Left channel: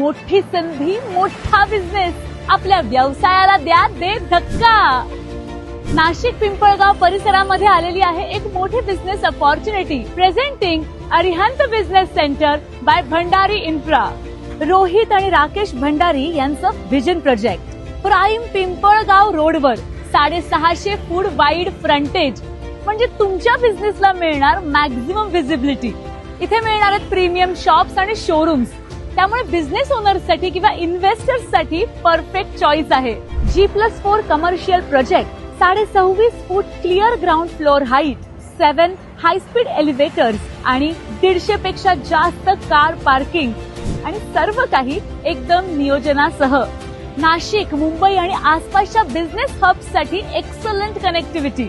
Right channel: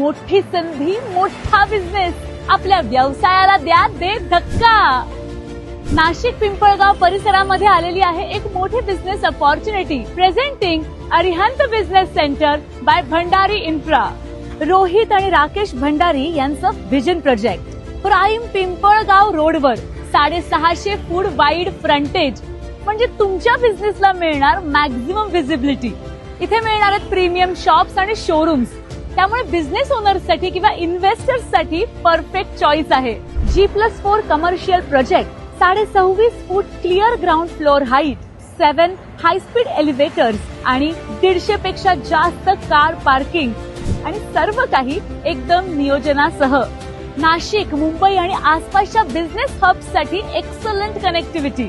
मोठी संधी, मोठा बिझनेस, आपल्या व्यवसायाला द्या दे धक्का. नाशिक पिंपळगाव परिसरामध्ये आलेली आहे एक मोठी business opportunity. Presenting Arihant business centre by Bhandari infra. Rohit आणि राकेश भंडारी यांचं व्हिजन प्रोजेक्ट. प्राईम पिंपळगाव रोडवर 650 फूट वाईड फ्रंटेज, म्हणजे तुमच्या बिझनेसला मिळणार मॅक्झिमम व्हिजिबिलिटी. इथे मिळणार आहेत प्रीमियम शॉप्स आणि शोरूम्स. त्यामुळे बिझनेस ओनर्ससाठी किंवा इन्व्हेस्टर्ससाठी परफेक्ट चॉईस आहे. G+4 commercial project, 26.5 foot clear ground floor height, 7 high speed elevators आणि 150 पेक्षा जास्त कार पार्किंग आणि सर्व काही एकदम नियोजनासह. नाशिक, मुंबई आणि आसपासच्या बिझनेस हब्स साठी एक्सलंट कनेक्टिव्हिटी.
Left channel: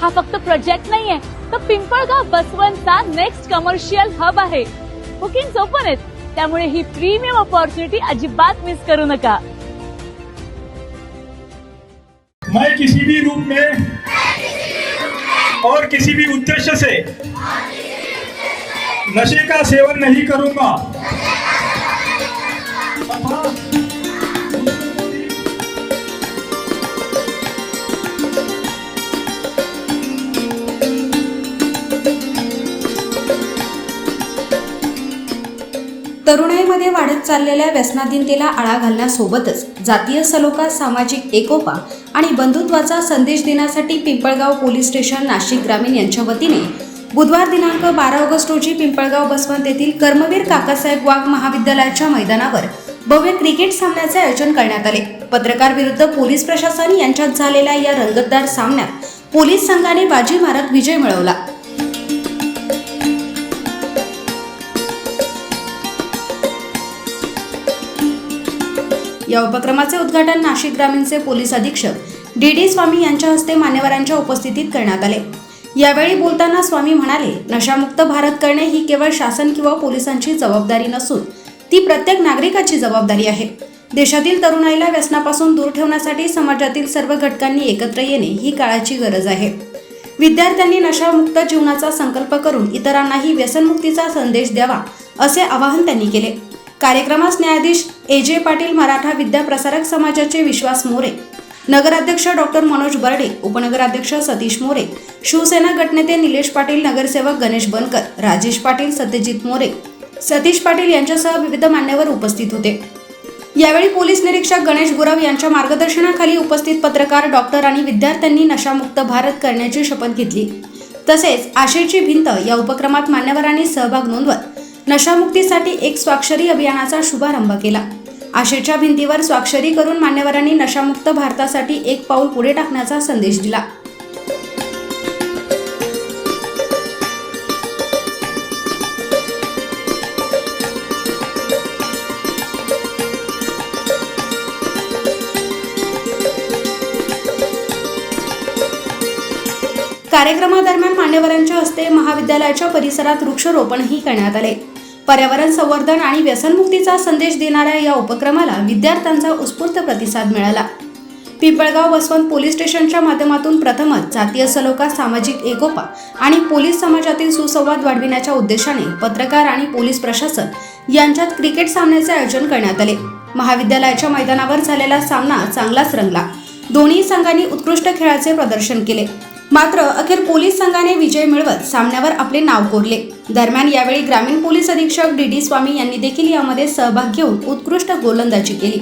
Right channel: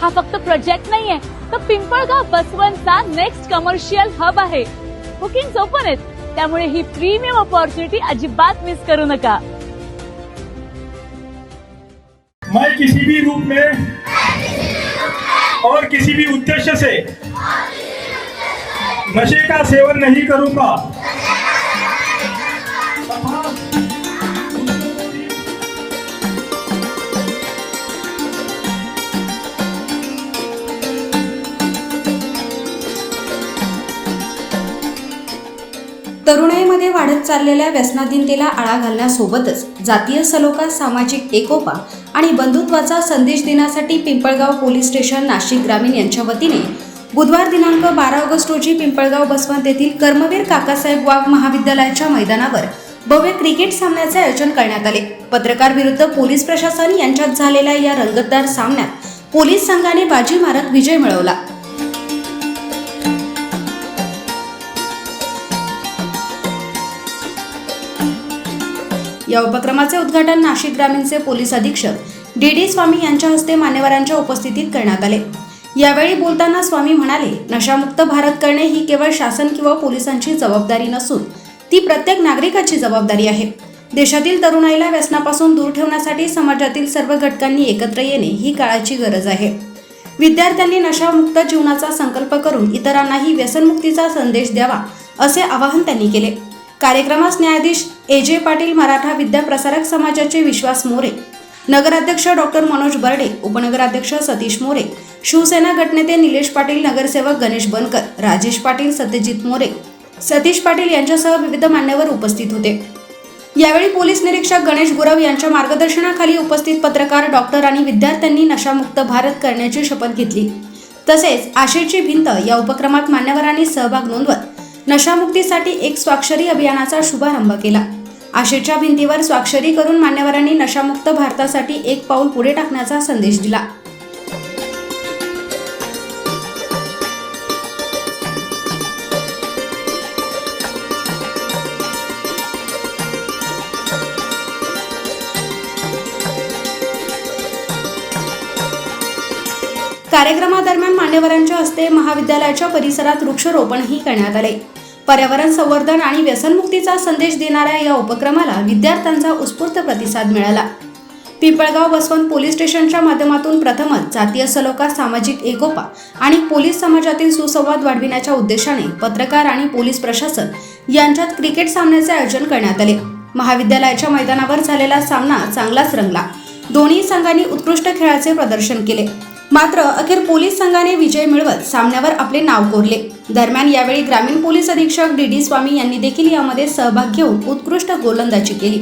हा फक्त प्रोजेक्ट नाहीये, तर पिंपळगाव बसवंतचा नेक्स्ट कमर्शियल हब आहे. बुकिंग ओपन आहेत, त्यामुळे ही प्रीमियम अपॉर्च्युनिटी अजिबात मिस करू नका. मैं किसी भी रूप में और किसी भी उद्देश्य से नशे का सेवन नहीं करूंगा. तरुणाईमध्ये वाढत चाललेल्या व्यसनाधीनतेला आळा घालण्यासोबतच जातीय सलोखा, सामाजिक एकोपा आणि बंधुत्वाचा संदेश देण्यासाठी पिंपळगाव पोलीस स्टेशन नाशिक ग्रामीण यांच्या वतीने बुधवार दिनांक 12 ऑगस्ट रोजी पिंपळगाव बसवंत येथील कर्मवीर काकासाहेब वाघ महाविद्यालयाच्या मैदानावर भव्य क्रिकेट सामन्याचे आयोजन करण्यात आले. पत्रकार विरुद्ध पोलीस प्रशासन यांच्यात झालेल्या या रंगतदार सामन्यात पोलीस संघाने बाजी मारत विजय मिळवला. या उपक्रमाचे उद्घाटन नाशिक ग्रामीणचे पोलीस अधीक्षक डी स्वामी यांच्या हस्ते मान्यवरांच्या उपस्थितीत करण्यात आले. यावेळी बोलताना स्वामी म्हणाले, नशामुक्त भारत करणे ही केवळ शासन किंवा पोलिसांची जबाबदारी नसून ती प्रत्येक नागरिकाची जबाबदारी आहे. देशातील तरुणाईला व्यसनापासून दूर ठेवण्यासाठी समाजातील सर्व घटकांनी एकत्र येणे ही काळाची गरज आहे. विद्यार्थ्यांनी नशामुक्त जीवनाचा संकल्प करून इतरांनाही व्यसनमुक्तीचा संदेश द्यावा, असे आवाहन त्यांनी केले. कार्यक्रमास न्यायाधीश AJ पाटील, मराठा विद्या प्रसारक समाजाचे विश्वास मोरे, नगराध्यक्ष डॉक्टर मनोज बर्डे, उपनगराध्यक्ष सतीश मोरे, शिवसेना गटनेते निलेश पाटील, नगरसेवक गणेश बनकर, राजेश पाटील, सत्यजित मोरे, सतीश पाटील यांच्यासह विविध मान्यवर उपस्थित होते. यावेळी पोलीस निरीक्षक गणेश गुरव यांच्या मार्गदर्शनाखाली उपस्थित पत्रकार, डॉक्टर आणि विद्यार्थ्यांनी नशामुक्त भारत करण्याची शपथ घेतली. तसेच आशेची भिंत या उपक्रमात मान्यवरांनी सहभाग नोंदवत नशामुक्तीसाठी एक स्वाक्षरी अभियानाचा शुभारंभ केला. आशेच्या भिंतीवर स्वाक्षरी करून मान्यवरांनी नशामुक्त भारतासाठी एक पाऊल पुढे टाकण्याचा संदेश दिला. कार्यक्रमादरम्यान मान्यवरांच्या हस्ते महाविद्यालयाच्या परिसरात वृक्षारोपणही करण्यात आले. पर्यावरण संवर्धन आणि व्यसनमुक्तीचा संदेश देणाऱ्या या उपक्रमाला विद्यार्थ्यांचा उत्स्फूर्त प्रतिसाद मिळाला. पिंपळगाव बसवंत पोलीस स्टेशनच्या माध्यमातून प्रथमच जातीय सलोखा, सामाजिक एकोपा आणि पोलीस समाजातील सुसंवाद वाढविण्याच्या उद्देशाने पत्रकार आणि पोलीस प्रशासन यांच्यात क्रिकेट सामन्याचे आयोजन करण्यात आले. महाविद्यालयाच्या मैदानावर झालेला सामना चांगलाच रंगला. दोन्ही संघांनी उत्कृष्ट खेळाचे प्रदर्शन केले. मात्र अखेर पोलीस संघाने विजय मिळवत सामन्यावर आपले नाव कोरले. दरम्यान यावेळी ग्रामीण पोलीस अधीक्षक डी स्वामी यांनी देखील यामध्ये सहभाग घेऊन उत्कृष्ट गोलंदाजी केली.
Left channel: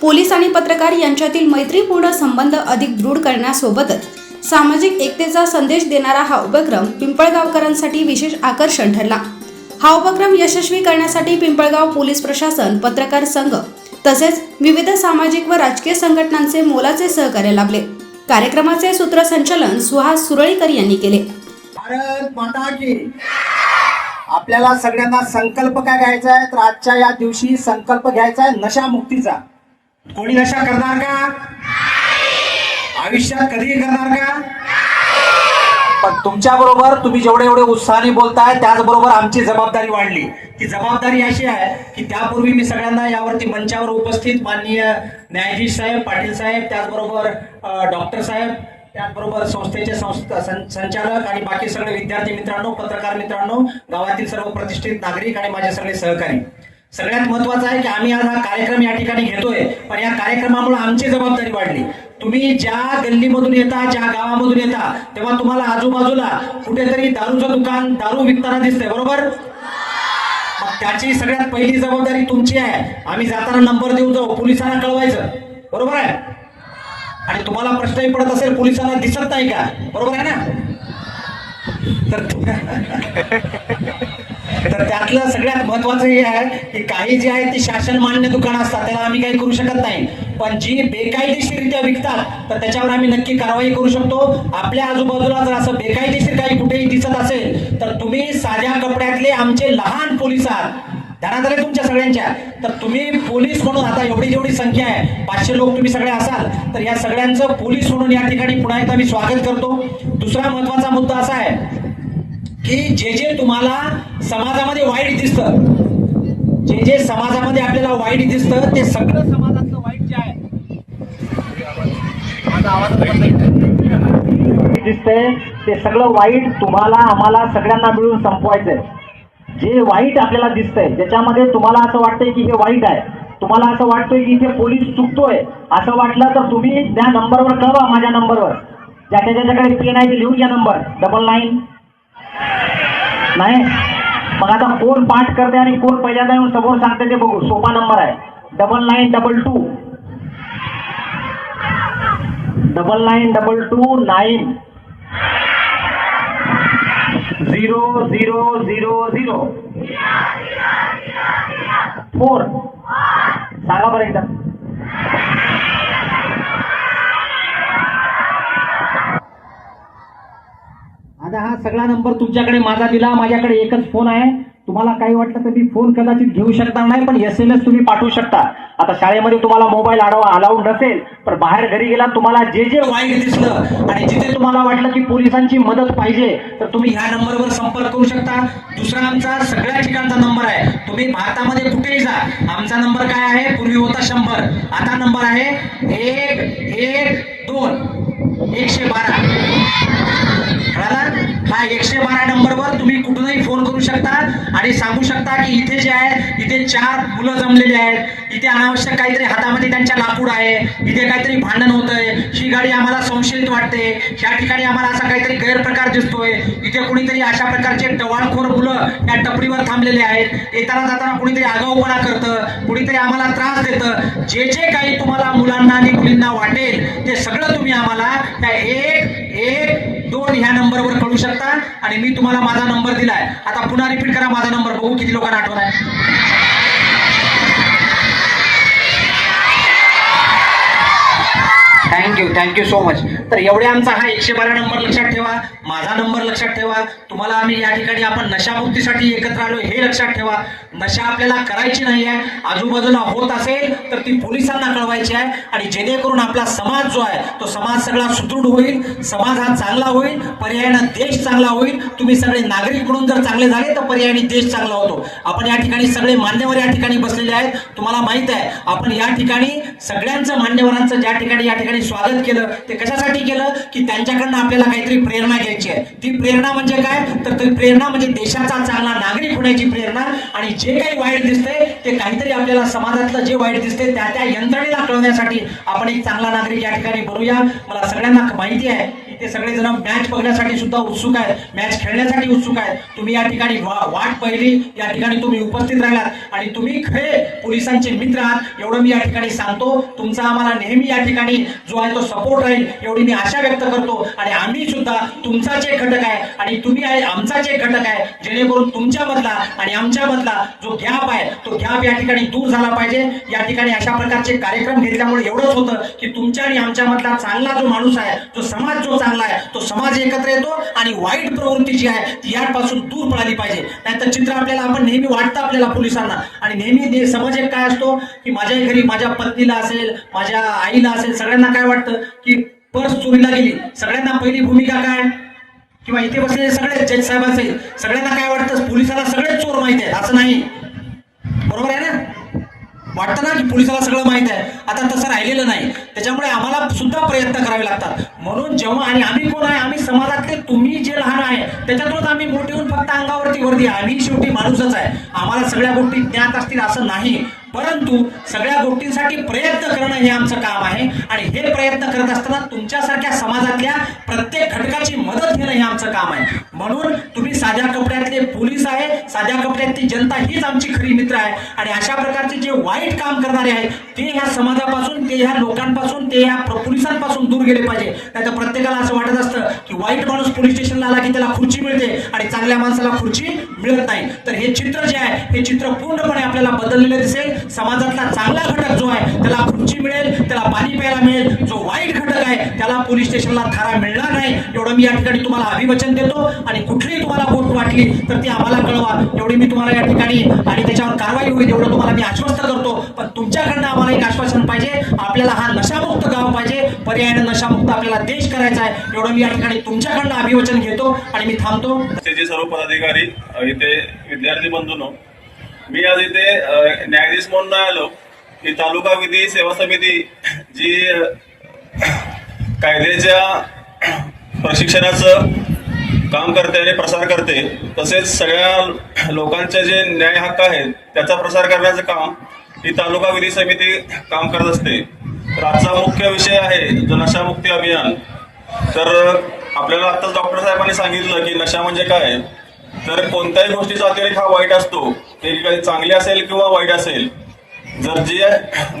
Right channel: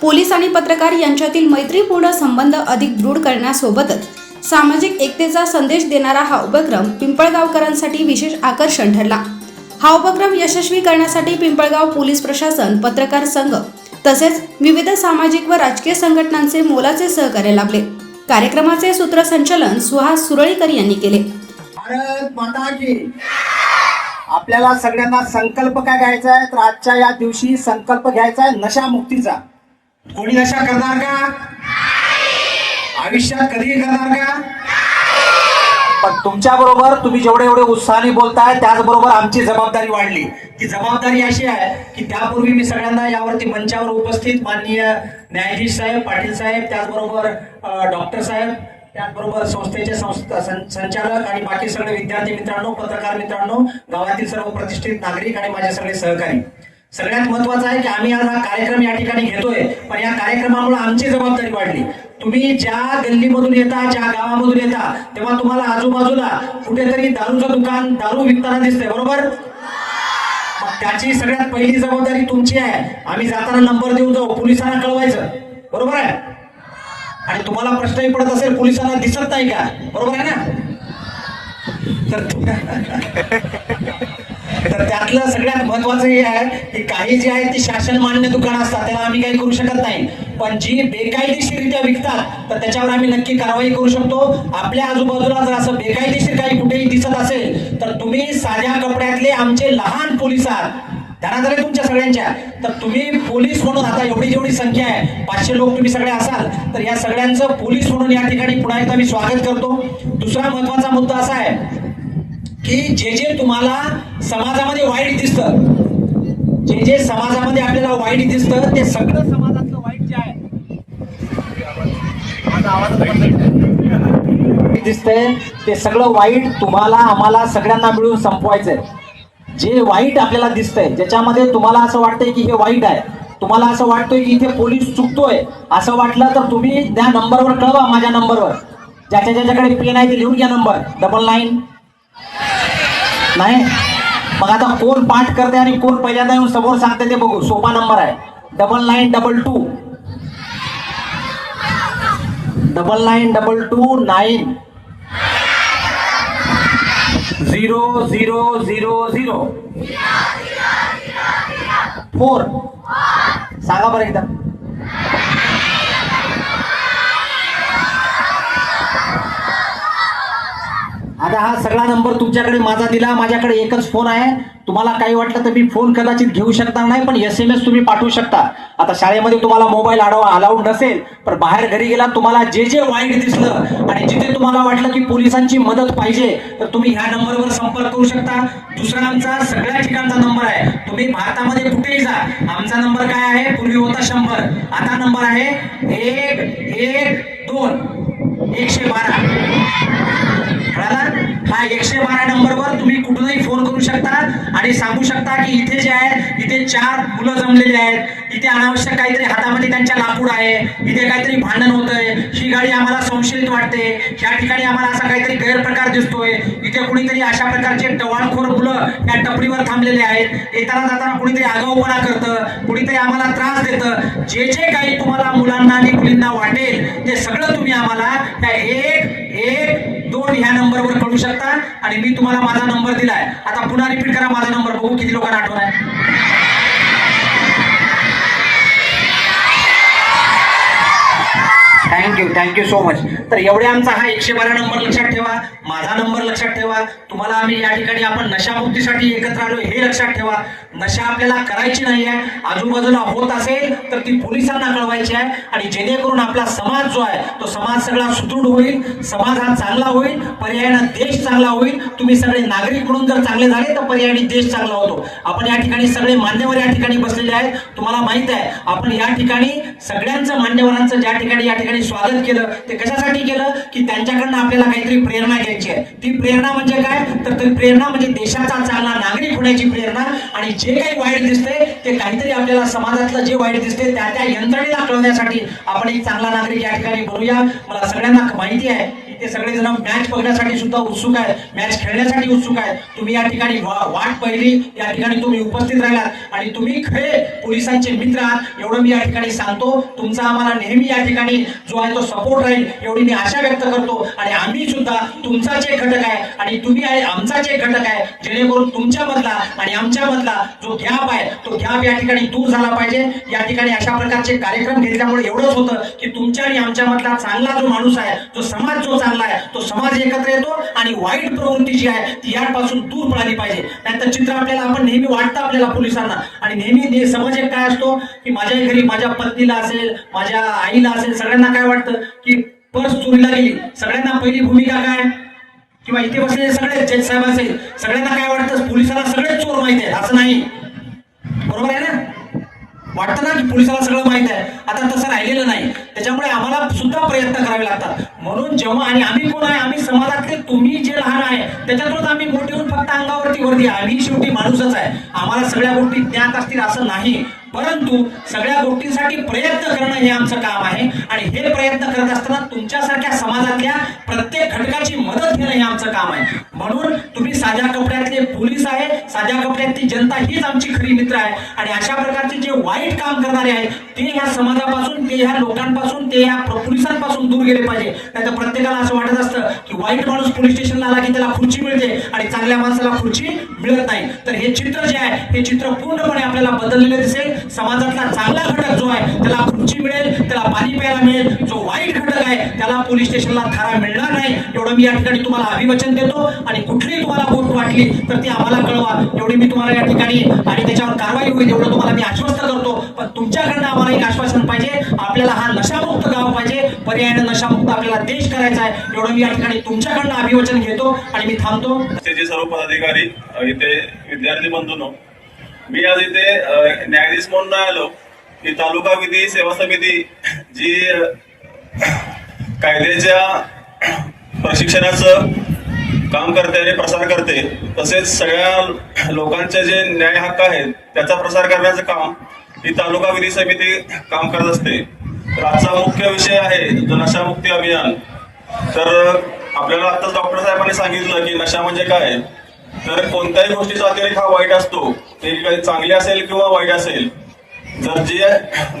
पोलीस आणि पत्रकार यांच्यातील मैत्रीपूर्ण संबंध अधिक दृढ करण्यासोबतच सामाजिक एकतेचा संदेश देणारा हा उपक्रम पिंपळगावकरांसाठी विशेष आकर्षण ठरला. हा उपक्रम यशस्वी करण्यासाठी पिंपळगाव पोलीस प्रशासन, पत्रकार संघ तसेच विविध सामाजिक व राजकीय संघटनांचे मोलाचे सहकार्य लाभले. कार्यक्रमाचे सूत्रसंचालन सुहास सुरळीकर यांनी केले. भारत माता की. आपल्याला सगळ्यांना संकल्प काय घ्यायचा आहे, तर आजच्या या दिवशी संकल्प घ्यायचा आहे नशामुक्तीचा. कोणी नशा करणार का? आयुष्यात कधी करणार का? पण तुमच्या बरोबर तुम्ही जेवढे उत्साहाने बोलताय त्याचबरोबर आमची जबाबदारी वाढली. ती जबाबदारी अशी आहे की त्यापूर्वी मी सगळ्यांना यावरती मंचावर उपस्थित माननीय न्यायाधीश साहेब, पाटील साहेब, त्याचबरोबर डॉक्टर साहेब, त्याचबरोबर संस्थेचे संचालक आणि बाकी सगळे विद्यार्थी मित्रांनो, पत्रकार मित्रांनो, गावातील सर्व प्रतिष्ठित नागरिक आणि माझे सगळे सहकारी, सगळ्यात महत्वाचं आहे की आम्ही आज हा कार्यक्रम या ठिकाणी घेतोय, पण या कार्यक्रमामुळे आमची जबाबदारी वाढली. तुम्ही ज्या गल्लीमधून येता, ज्या गावामधून येता, तेव्हा तुम्हाला आजूबाजूला कुठेतरी दारूचं दुकान, दारू विकताना दिसतंय, बरोबर? मग त्याची सगळ्यात पहिली जबाबदारी तुमची आहे. आम्ही जाताना नंबर देऊन जाऊ, पोलिसांना कळवायचं, बरोबर आहे? आणि तुम्हाला प्रश्नही पडत असेल, पोलिसांना दिसत नाही का, बरोबर आहे ना? तर त्यातलं सगळ्यात महत्वाचं हे आहे की काही जे आहे ती शासन मान्य दुकान असतात, त्याला आम्ही काही करू शकत नाही. पण जी बेकायदेशीररित्या विकतात तर त्याच्यावर आम्ही नक्की कारवाई करू शकतो. आपल्या आजूबाजूला जर असं बेकायदेशीर काही कुठेही दिसत असेल तर तुम्ही साध्या कपड्यातले आमचे लहान पोलीस आहात, ध्यानात आले तुमच्या सगळ्यांच्या. तर तुम्ही पोलीस म्हणून, आता एवढी जेवढी संख्या आहे 500 लोक तुम्ही सगळे असाल, तर या सगळ्यांचं पोलीस म्हणून या ठिकाणी पुन्हा एकदा मी स्वागत करतो. दुसरा महत्वाचा मुद्दा असा आहे की जे जे तुम्हाला समाजामध्ये वाईट दिसतं, जे जे समाजामध्ये आपल्याला वाईट दिसतं, ते सगळं समाजातलं वाईट जे आहे दिसतंय, ते सगळं वाईट तुम्हाला, आम्हाला सगळ्यांना मिळून संपवायचंय. जे वाईट आपल्याला दिसतंय, ज्याच्यामध्ये तुम्हाला असं वाटतंय की हे वाईट आहे, तुम्हाला असं वाटतंय की इथे पोलीस चुकतोय, असं वाटलं तर तुम्ही त्या नंबरवर कळवा, माझ्या नंबरवर. ज्याच्या ज्याच्याकडे पेन आहे ते लिहून घ्या नंबर 99 नाही. मग आता कोण पाठ करते आणि कोण पहिल्यांदा येऊन समोर सांगते ते बघू. सोपा नंबर आहे 9922 9922 90000 4. सांगा बरं एकदा. आता हा सगळा नंबर तुमच्याकडे माझा दिला, माझ्याकडे एकच फोन आहे. तुम्हाला काही वाटलं तर मी फोन कदाचित घेऊ शकणार नाही, पण SMS तुम्ही पाठवू शकता. आता शाळेमध्ये तुम्हाला मोबाईल अलाउड नसेल, पण बाहेर घरी गेला तुम्हाला जे जे वाईट दिसलं आणि जिथे तुम्हाला वाटलं की पोलिसांची मदत पाहिजे तर तुम्ही ह्या नंबरवर संपर्क करू शकता. दुसरा आमचा सगळ्या ठिकाणचा नंबर आहे. तुम्ही भारतामध्ये कुठेही जा, आमचा नंबर काय आहे? पूर्वी होता 100, आता नंबर आहे 112. हा 112 नंबरवर तुम्ही कुठूनही फोन करू शकता आणि सांगू शकता की इथे जे आहे, इथे 4 मुलं जमलेले आहेत, इथे अनावश्यक काहीतरी हातामध्ये त्यांच्या लाकूड आहे, इथे काहीतरी भांडण होतंय, ही गाडी आम्हाला संशयित वाटते, ह्या ठिकाणी आम्हाला असा काहीतरी गैरप्रकार दिसतोय, इथे कुणीतरी अशा प्रकारचे टवाळखोर मुलं त्या टपरीवर थांबलेले आहेत, येताना जाताना कुणीतरी आगाऊपणा करतं, कुणीतरी आम्हाला त्रास देतं. जे जे काही तुम्हाला मुलांना आणि मुलींना वाटेल ते सगळं तुम्ही आम्हाला त्या 112 ह्या नंबरवर कळू शकता. आणि मी तुम्हाला माझा नंबर दिलाय. आता पुन्हा रिपीट करा माझा नंबर, बघू किती लोकांना आठवण आहे. Thank you so much. तर एवढे आमचा हा 112 नंबर लक्षात ठेवा, माझा नंबर लक्षात ठेवा. तुम्हाला आम्ही या ठिकाणी आपण नशामुक्तीसाठी एकत्र आलो हे लक्षात ठेवा. नशा आपल्याला करायची नाहीये, आजूबाजूला होत असेल तर ती पोलिसांना कळवायची आहे, आणि जेणेकरून आपला समाज जो आहे तो समाज सगळा सुदृढ होईल, समाज हा चांगला होईल, पर्यायानं देश चांगला होईल. तुम्ही सगळे नागरिक म्हणून जर चांगले झाले तर पर्यायाने देश चांगला होतो. आपण या ठिकाणी सगळे मान्यवर या ठिकाणी बसलेले आहेत. तुम्हाला माहित आहे आपण या ठिकाणी सगळ्यांचं, मान्यवरांचं ज्या ठिकाणी या ठिकाणी स्वागत केलं ते कशासाठी केलं की त्यांच्याकडनं आपल्याला काहीतरी प्रेरणा घ्यायची आहे. ती प्रेरणा म्हणजे काय? तर ती प्रेरणा म्हणजे देशाचा चांगला नागरिक होण्याची प्रेरणा. आणि जे काही वाईट दिसते ते काहीतरी आपल्याला समाजातलं जे वाईट दिसते त्या त्या यंत्रणेला कळवण्यासाठी आपण एक चांगला नागरिक या ठिकाणी बनूया. मला सगळ्यांना माहिती आहे ते सगळेजण मॅच बघण्यासाठी सुद्धा उत्सुक आहेत, मॅच खेळण्यासाठी उत्सुक आहेत. तुम्ही या ठिकाणी वाट पाहिली, या ठिकाणी तुम्ही उपस्थित राहिलात आणि तुम्ही खरे पोलिसांचे मित्र आहात एवढं मी या ठिकाणी सांगतो. तुमचा आम्हाला नेहमी या ठिकाणी जो आहे तो सपोर्ट राहील एवढी मी आशा व्यक्त करतो. आणि आम्ही सुद्धा तुमचाच एक घटक आहे आणि तुम्ही आमचाच एक घटक आहे, जेणेकरून तुमच्यामधला आणि आमच्यामधला जो गॅप आहे तो गॅप या ठिकाणी दूर झाला पाहिजे. या ठिकाणी अशा प्रकारचे कार्यक्रम घेतल्यामुळे एवढंच होतं की तुमच्या आणि आमच्यामधला चांगला जो माणूस आहे, तो समाज जो चांगला आहे, तो समाज एकत्र येतो आणि वाईट प्रवृत्ती जी आहे ती यापासून दूर पळाली पाहिजे. नाहीतर चित्र आपल्याला, आपण नेहमी वाटतं आपल्याला पोलिसांना, आणि नेहमी समज एक काय असतो की माझ्या घरी माझ्या पत्नीला असेल, माझ्या आईला असेल, सगळ्यांना काय वाटतं की पर्स चोरीला गेली, सगळ्यांना पहिली भूमिका काय, किंवा इथे बसलेले सगळे जज साहेब असेल, सगळ्यांना काय वाटतं पोलिसाला सगळेच चोर माहिती आहेत. असं नाही, बरोबर आहे ना? वाटतं ना की पोलिसाला सगळं माहित आहे. आता तसं राहिलेलं नाही. त्याच्यामुळे आम्हाला सुद्धा प्रयत्न करावे लागतात. म्हणून जेव्हा आणि आम्ही कोण आहे, आम्ही समाजातले तुम्ही जे लहान आहे त्याच्यातूनच आम्ही मोठे होऊन फक्त अंगावरती वर्दी, आम्ही शेवटी माणूसच आहे. आम्हाला सगळ्या गोष्टी ज्ञात असतील असं नाही, परंतु सगळ्या गोष्टींसाठी प्रयत्न करणं हे आमचं काम आहे. आणि हे प्रयत्न करत असताना तुमच्यासारख्या समाजातल्या प्रत्येक घटकाची मदत घेणं हे आमचं काम आहे. म्हणून तुम्ही साध्या कपड्यातले पोलीस आहे, साध्या कपड्यातली जनता हीच आमची खरी मित्र आहे. आणि अशा प्रकारचे जे वाईट काम करणारे आहेत ते या समाजापासून, ते ह्या लोकांपासून, ते या पोलिसांपासून दूर गेले पाहिजे. नाही तर प्रत्येकाला असं वाटत असतं की वाईट माणूस पोलीस स्टेशनला आला की त्याला खुर्ची मिळते आणि चांगल्या माणसाला खुर्ची मिळत नाही. तर हे चित्र जे आहे हे चित्र पूर्णपणे आपल्याला बदललेले दिसेल. समाजातला चांगला घटक जो आहे त्याला खुर्ची मिळेल, त्याला पाणी प्यायला मिळेल. जो वाईट घटक आहे त्याला पोलीस स्टेशनला थारा मिळणार नाही. एवढं मी या ठिकाणी तुम्हाला अभिवचन देतो. आणि कुठलीही तुम्हाला गोष्ट वाटली तर ती आम्हाला कळवा, एवढी मी तुम्हाला या ठिकाणी आणि त्याच्यावर कारवाई होईल एवढं तुम्हाला मी आश्वस्त करतो. पण तुमच्याकडनं आम्हाला एक आश्वासन पाहिजे, आपल्याला हा नशामुक्त गाव पाहिजे, पर्यायानं नशामुक्त आपल्याला देश करायचा आहे. एवढं मी या ठिकाणी तुमच्याकडनं अभिवचन घेतो आणि मी थांबतो. सर्व पदाधिकारी आणि ते विद्यार्थी बंधूंनो, मी आज इथे न्यायाधीश म्हणून आलो की तालुका विधी सेवा समिती जी कायद्याच्या प्रशिक्षणाचं काम करते आणि प्रसार करते, तसेच सगळ्या लोकांचे जे न्याय हक्क आहेत त्याचा प्रसार करण्याचं काम ही तालुका विधी समिती काम करत असते. तर आजचा मुख्य विषय आहे नशामुक्ती अभियान. तर आपल्याला आताच डॉक्टर साहेबांनी सांगितलं की नशा म्हणजे काय. तर कोणत्याही गोष्टीचा अतिरेक हा वाईट असतो, ती चांगली असेल किंवा वाईट असेल. जर जी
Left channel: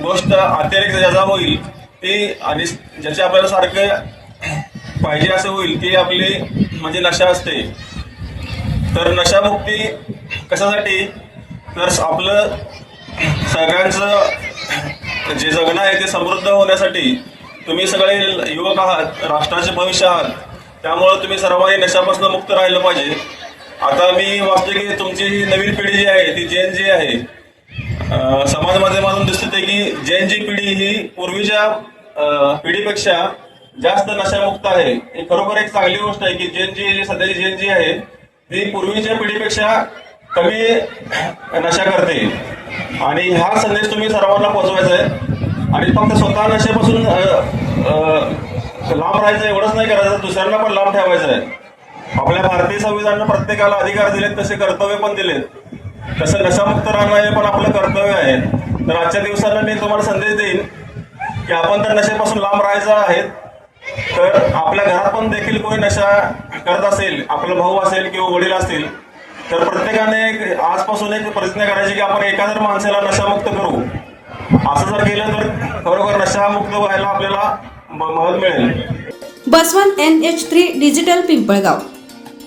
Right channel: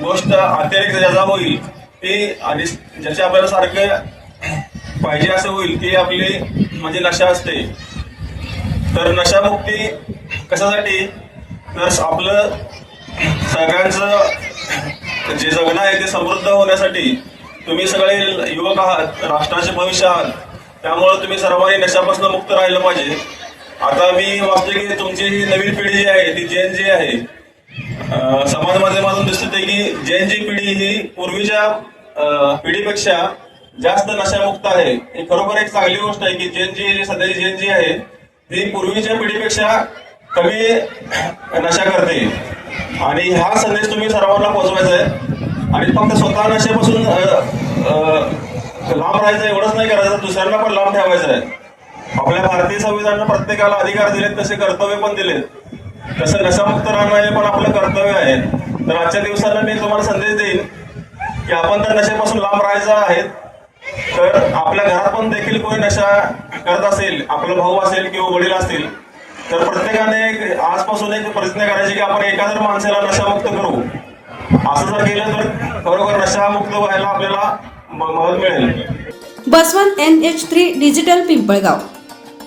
गोष्ट अतिरेक ज्याचा होईल ती आणि ज्याची आपल्याला सारखं पाहिजे असं होईल ती आपली म्हणजे नशा असते. तर नशामुक्ती कशासाठी, तर आपलं सगळ्यांचं जे जगणं आहे ते समृद्ध होण्यासाठी. तुम्ही सगळे युवक आहात, राष्ट्राचे भविष्य आहात, त्यामुळे तुम्ही सर्वांनी नशापासून मुक्त राहिलं पाहिजे. आता मी वाटते की तुमची ही नवीन पिढी जी आहे ती जेन जी आहे, समाज माध्यमातून दिसते की जेन जी पिढी ही पूर्वीच्या पिढीपेक्षा जास्त नशामुक्त आहे. ही खरोखर एक चांगली गोष्ट आहे की जेन जी सध्याची जेन जी आहे ती पूर्वीच्या पिढीपेक्षा कमी नशा करते. आणि हा संदेश तुम्ही सर्वांना पोहोचवायचा आहे. आणि फक्त स्वतः नशेपासून लांब राहायचं एवढंच नाही करायचं, दुसऱ्यांना पण लांब ठेवायचं आहे. आपल्या भारतीय संविधानानं प्रत्येकाला अधिकार दिलेत, तसे कर्तव्य पण दिलेत. तसं नशामुक्त राहणं हे पण आपलं कर्तव्य आहे. तर आजच्या दिवसाला मी तुम्हाला संदेश देईन की आपण तर नशेपासून लांब राहायचं आहे. तर आपल्या घरात पण देखील कोणी नशा करत असेल, आपला भाऊ असेल किंवा वडील असतील, तर प्रत्येकाने आजपासून एक प्रतिज्ञा करायची की आपण एखाद्या माणसाला नशामुक्त करू. असं जर केलं तर बरोबर नशामुक्त व्हायला आपल्याला मदत मिळेल. Baswant NH3 digital Pimpalgaon.